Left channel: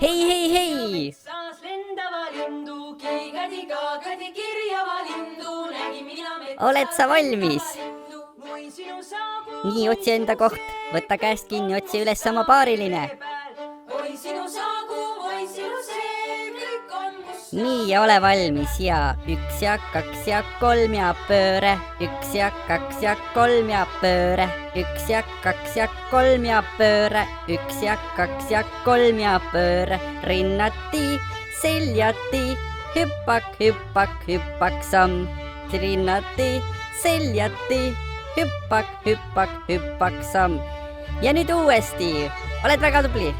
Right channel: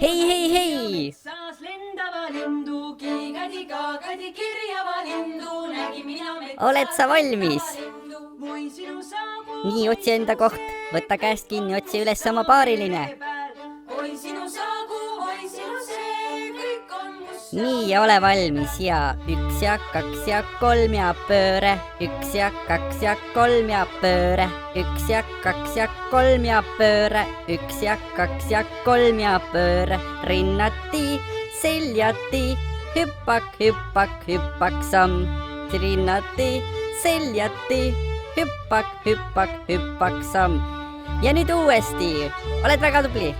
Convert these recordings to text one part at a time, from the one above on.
Hei, hei, hei! Oled sa valmis? Nii, otsi enda koht. Võta käest kinni, otsi üles oma paariline. Nii, ja ole valmis ja 1 ja 2 ja 3 ja pööre. 1 ja 2 ja 3 ja pööre. 1 ja 2 ja 3 ja pööre. 1 ja 2 ja 3 ja pööre. Rinnati, seljati, hüppak, hüppak, hüppak samm. Rinnati, seljati, hüppak, hüppak, hüppak samm. Ja nüüd uuesti. Oled väga tubli.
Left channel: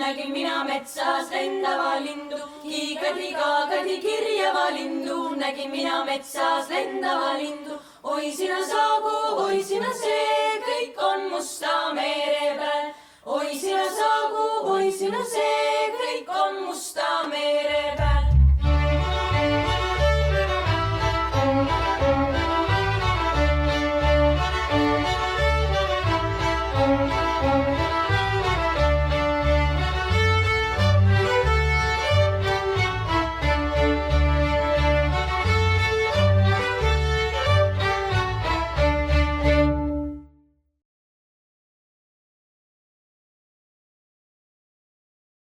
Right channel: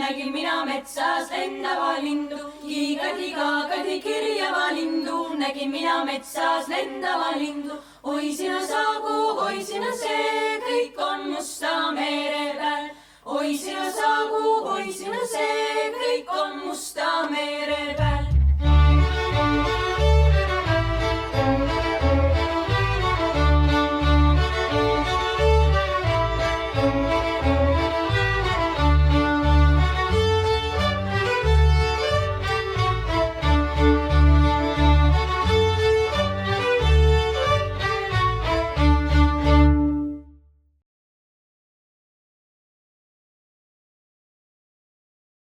Nägin mina metsas lendava lindu, kiigadi-kaagadi kirjava lindu, nägin mina metsas lendava lindu. Oi sina saagu, oi sina see, kõik on musta mere peal. Oi sina saagu, oi sina see, kõik on musta mere peal.